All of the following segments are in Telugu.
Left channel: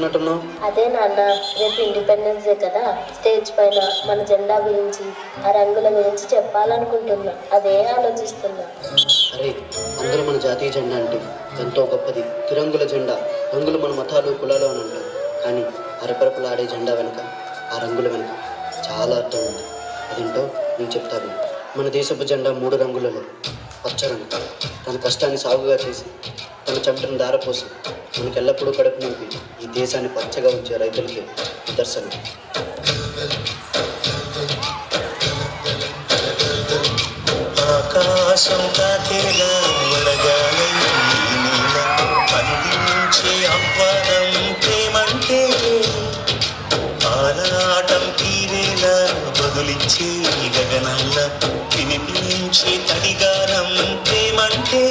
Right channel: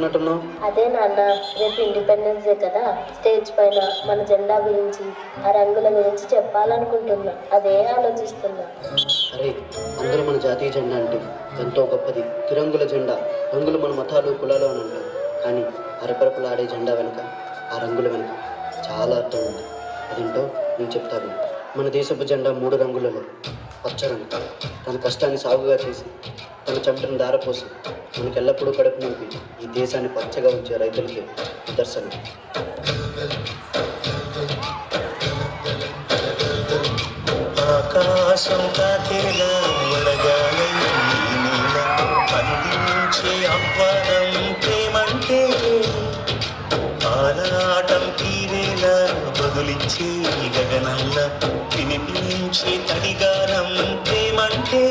ఆలోచిస్తున్నట్టున్నావు? అదే నాన్న, రేపు ఇండిపెండెన్స్ డే కదా, స్టేజ్ పైన మన జెండా గురించి, ఆ రంగుల గురించి చెప్పాలనుకుంటున్నా. అదే ఆలోచిస్తున్నా. అరే, అందరూ మన జాతీయ జెండా అంటే ఎంతో గొప్పది. తిరంగుల జెండా. రంగులు మన మతాలు కులాలు అని అంటారు, కానీ అరపరపలాడే జెండా వెనుక, ఆ రంగుల వెనుక చాలా అర్థం ఉంది. అదేంటో నేను చెప్తాను. మన దేశపు జెండా 3 రంగులలో పచ్చ రంగు. తన కష్టాన్ని సాగుగా చేసి, తన చెమటను దారపోసి మనకు ఎల్లప్పుడూ కడుపు నింపి ఈ దేశాన్ని పచ్చగా ఉంచే రైతులకి నిదర్శనం. ఆకాశం కాకేలా వడగాలి అందించే అవ్వడం ప్రేమంటే, ఆరాటం తీరేలా బదులిచ్చే గగనంలా వినిపించే తడిగానం ప్రేమంటే,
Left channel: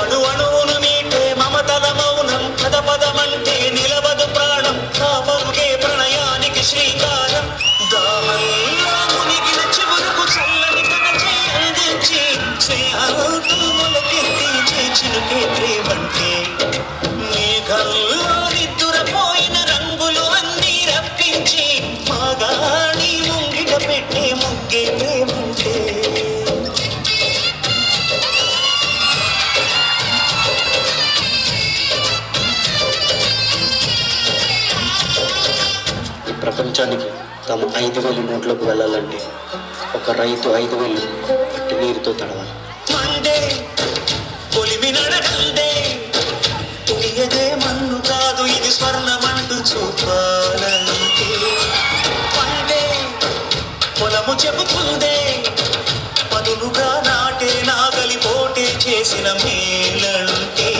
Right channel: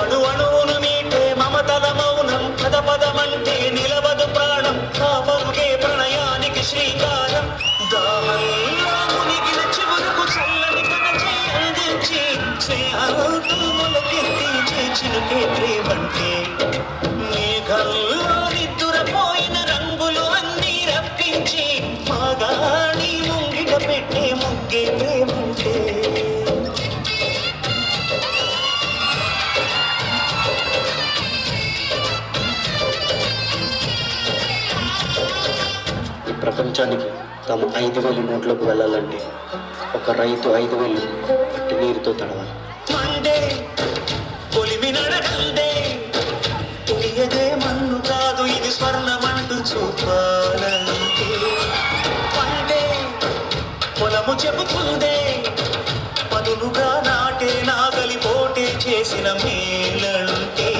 అణు అణువును మీటే మమతల మౌనం పద పదమంటే నిలవదు ప్రాణం, ఆ పరుగే ప్రణయానికి శ్రీకారం. దాహంలో మునిగిన చివరకు చల్లని కనచే అందించి స్నేహాలతో మొలకెత్తించే చిలుకే ప్రేమంటే, మేఘంలో నిద్దురపోయిన రంగులు అన్నీ రప్పించి మాగాణి ముంగిట పెట్టే ముగ్గే ప్రేమంటే. ఈ ప్రపంచానికి తమ 5,000 నోట్లకు వెళ్ళాలంటే ఒక రైతు 5,000 మట్టి నీరుతో తడవాలి. మండే పొలిమి నడకండే, తెలియదే మన్ను కాదు ఇది స్వర్ణమంటూ చూపాలంటే, పండే పొలము చెబుతుందే పదులుగా నాటే నాగలి పోటే చేసిన మేలంటే,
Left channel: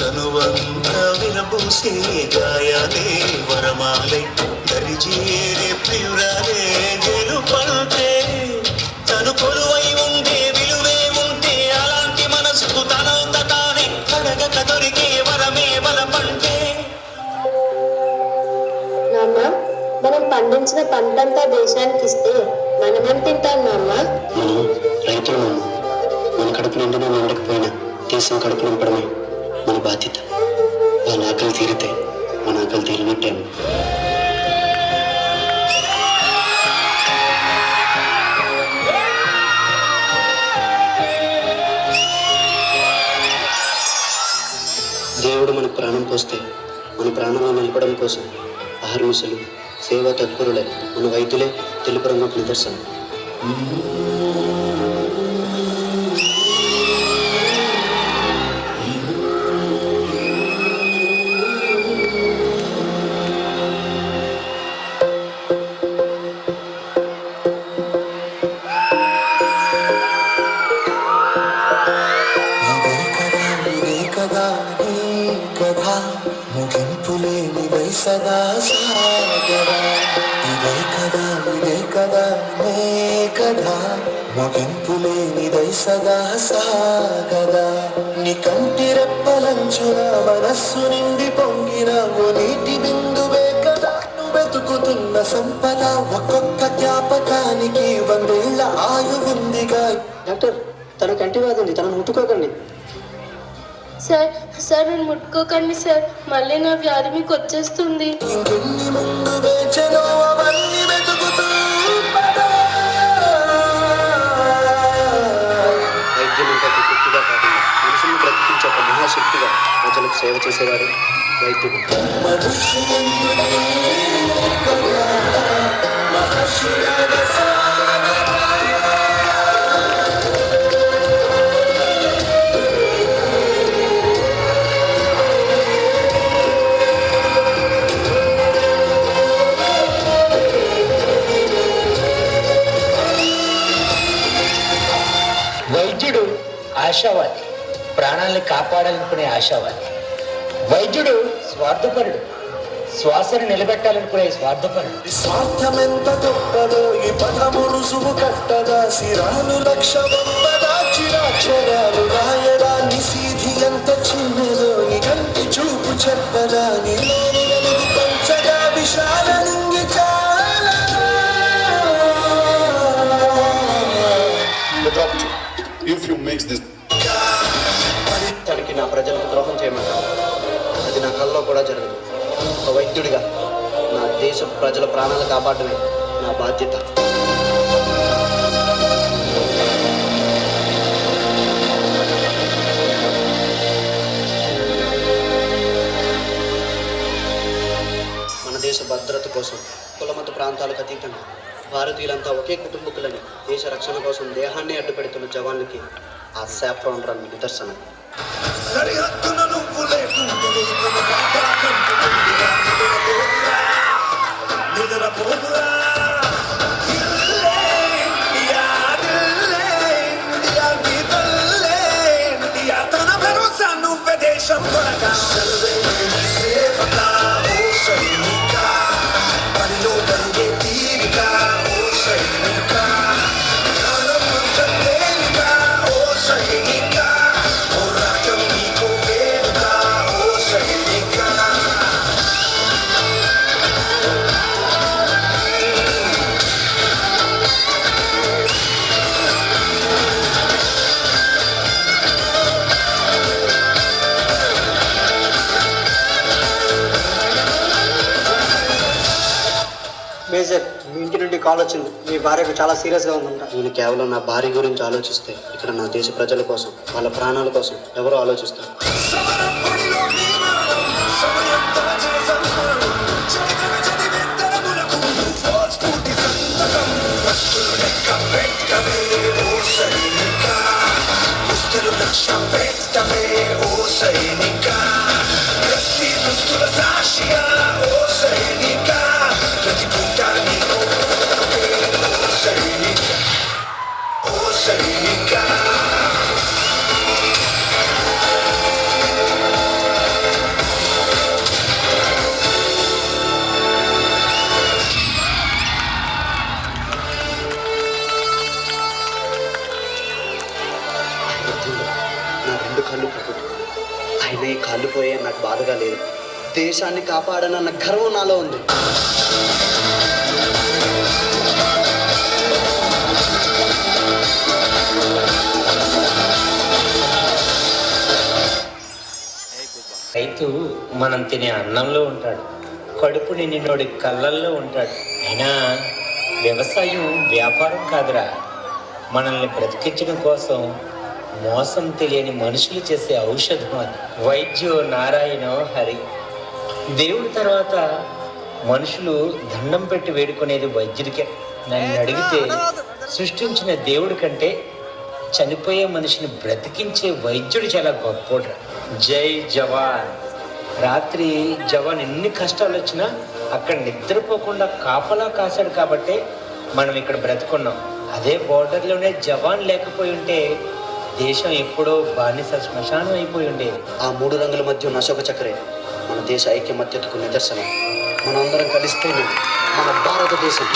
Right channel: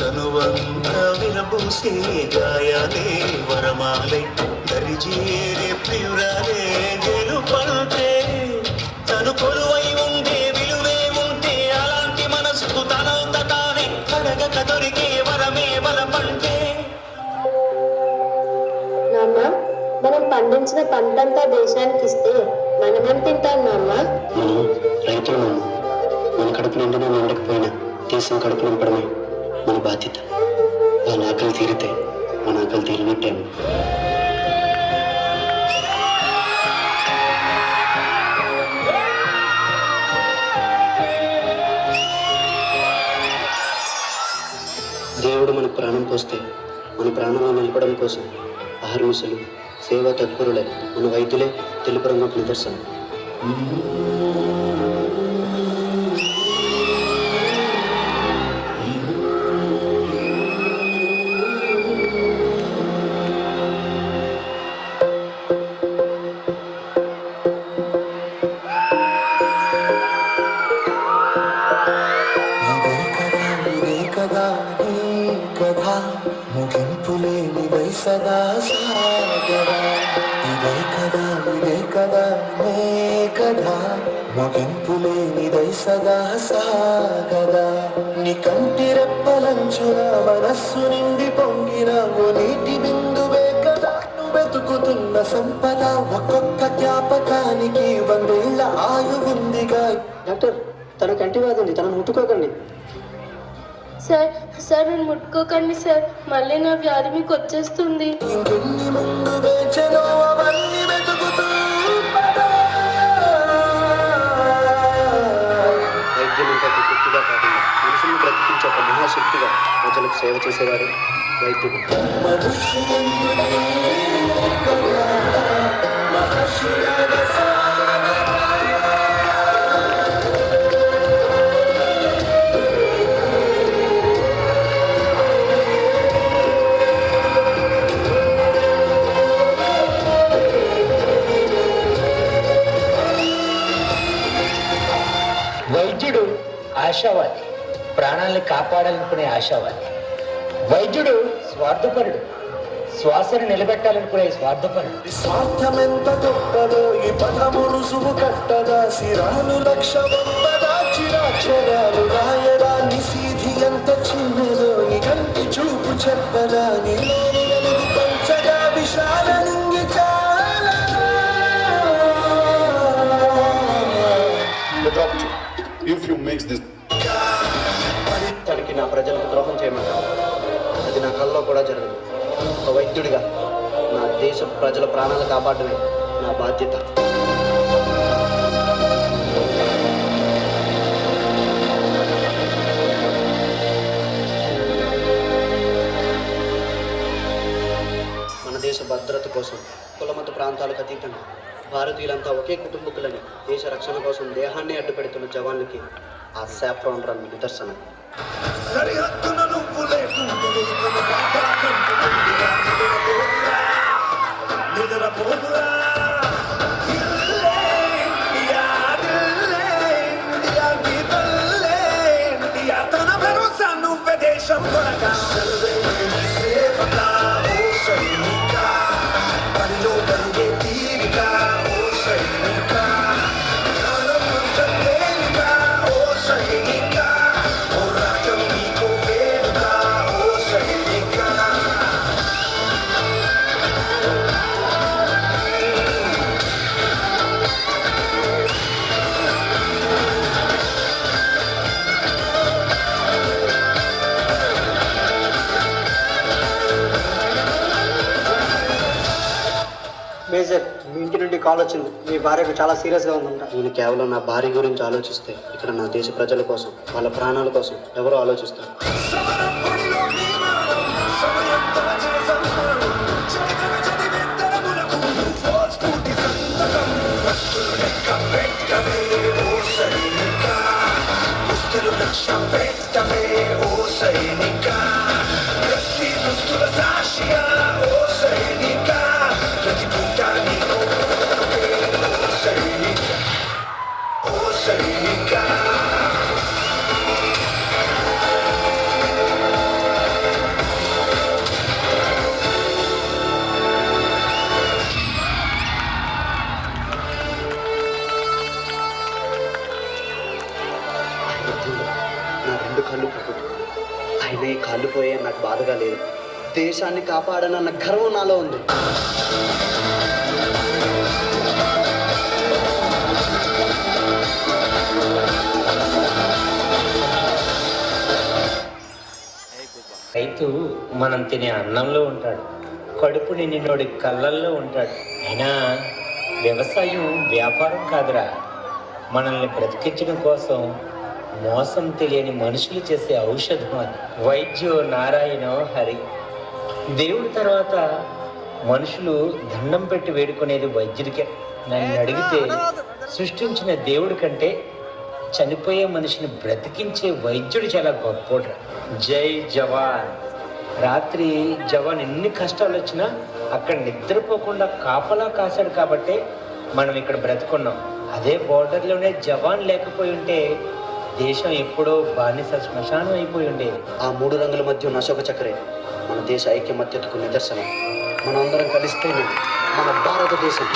తనువంతా విరబూసే గాయాలే వరమాలై దరిజేరే ప్రియురాలే గెలుపంటే, తను కొలువై ఉండే విలువే ఉంటే అలాంటి మనసుకు తనంత తానే అడగక దొరికే వరమే బలపంటే. నాన్న, మనం పండించిన పంటంతా దేశానికి ఇస్తే మనమేం తింటాం నాన్న? మనం రైతులు. మన కడుపు నిండినా నిండకపోయినా దేశం కడుపు నింపడమే మన బాధ్యత. వాళ్ళ ఆకలి తీరితే మన ఆకలి తీరినట్టేమో. దేవుడు మనకు ప్రాణం పోస్తే మన ప్రాణంలో నిలపడం కోసం అహర్నిశలు సేవా తత్పరులై మన వైద్యులే తెలుపు రంగుకు నిదర్శనం. ముగింపులేనివై సదా సాగరా, ఇదే కదా నే కదా, ముగింపులేనిదై సదా సాగరా. నీ కంటి రెప్పలంచున మనస్సు నిండి పొంగిన ఓ నీటి బిందువే కదా నువ్వు వెతుకుతున్న సంపద. ఒక్కొక్క జ్ఞాపకానికి 100 ఏళ్ల ఆయువుందిగా. డాక్టర్, తన కంటి వాదింది, తనను ముట్టుకోకండి. సార్ సార్ నన్ను ముట్టుకోకండి సార్, మళ్ళీ నా వ్యాధి మీకు వచ్చేస్తుంది. ఇంకెన్ని ముందు వేచనో అవన్నీ వెతుకుతూ వైద్యం ఇంకా శక్తిగా కాకుండా మనుషులను బ్రతికించే ఒక మహాశక్తిగా ప్రజలకు సేవ చేసేవారు వైద్యుడు. వైద్యుడు ఆశావాది, ప్రాణాలను కాపాడాలనుకునే ఆశావాది. వైద్యుడు స్వార్థపరుడు, శ్వాసను నిలబెట్టాలనుకునే స్వార్థపరుడు. స్వార్థమెంత గొప్పదో ఈ పదము రుసుము కట్టదా, శిరాలు లక్ష చిరాక్షరాలు రాయడా, నిశీధి ఎంత చిన్నదో నీ కంటి చూపు చెప్పదా, నీలోని వెలుగు పంచగా విశాల నింగి చాలా. If you mix this, తనకి నా ప్రజలకు ద్రోహం చేయమంటారు. అది నా కల్లో కూడా జరగదు. ఒక వైద్యుడిగా నా దేశ ప్రజల ప్రాణాలు కాపాడమే నా బాధ్యత. మన దేశ భద్రత కోసం కులమత ప్రాంతాలకు అతీతంగా భారతీయులంతా ఒకే కుటుంబకులని దేశ రక్షణ కోసం దేహాన్ని అడ్డుపెడుతున్న జవాన్లకి ఆ శాఫ్రాన్ రంగు నిదర్శనం. సరిహద్దున నువ్వు లేకుంటే నిద్రపోదురా. ఇండియా, ఇండియా, ఇండియా, తన భరోసా నువ్వే దేశం కొనగా. సేవక ఓ సైనిక, పనిలో కలిగే తీరిక ఓ సైనిక, ప్రాణమంత తేలిక ఓ సైనిక, పోరాటం నీకు వేడుక ఓ సైనిక. మేజర్, మీ ఇంటి నుండి కాల్ వచ్చింది. మీ భార్యకు చాలా సీరియస్గా ఉందంట. నేను కేవలం నా భార్య గురించి ఆలోచిస్తే ఇక్కడ నా దేశ ప్రజల కోసం, వాళ్ళ ప్రాణాల కోసం ఎవరో ఆలోచిస్తారు. సమరపుడిలో నీ మరణం, సమయంతో చేసే స్మరణం, చరిత్ర చదివేత్తరములకు ఓ స్ఫూర్తి సంతకం. వస్తులు లెక్క పెట్టవే ఓ సైనిక, దుస్తులు లక్ష్యం పెట్టవే ఓ సైనిక, ప్రతి దుస్తుల సాక్షిగా ఓ సైనిక, ప్రతి పూట నీకు ఓ సైనిక, ఓ సైనిక. యుద్ధంలో నా రెండు కళ్ళు పోగొట్టుకున్నాను. ఆయన ఈ కాళ్ళు పోయే నాకు బాధగా లేదు. దేశాన్ని కాపాడనన్న గర్వం నాలో ఉంది. రైతు మనం తినే అన్నంలో ఉంటాడు, కడుపు నిండినోడి కళ్ళల్లో ఉంటాడు. అయినా వ్యవసాయం వ్యాపారం కాదురా, మనల్ని బ్రతికించడం కోసం మోసం తెలియని మనుషులు చేసే ఔషధం అది. వైద్యో నారాయణో హరి. దేవుడి తర్వాత మనుషులు దండం పెట్టి వేడుకునేది వైద్యుడికే. నన్ను అడిగితే సృష్టించిన దేవుడి కంటే చనిపోయే మనిషిని బ్రతికించే వైద్యుడు చాలా గొప్పోడు. జై జవాన్. రాత్రి జవాన్ ఎన్ని కష్టాలు వచ్చినా అక్కడ నిద్రపోకుండా కాపలా కాశాడు కాబట్టే మనం ఇక్కడ బ్రతుకున్నాం. అదే బోర్డర్లోనే జవాన్ లేకపోయి ఉంటే దేశం ఎప్పుడో బానిస శ్మశానం అయిపోయి ఉండేది. ఆ మూడు రంగుల మధ్య ఉన్న అశోక చక్రే మన దేశ ఐక్యమత్యతకు నిదర్శనం. మనం అందరం కలిస్తేనే మన భారతదేశం.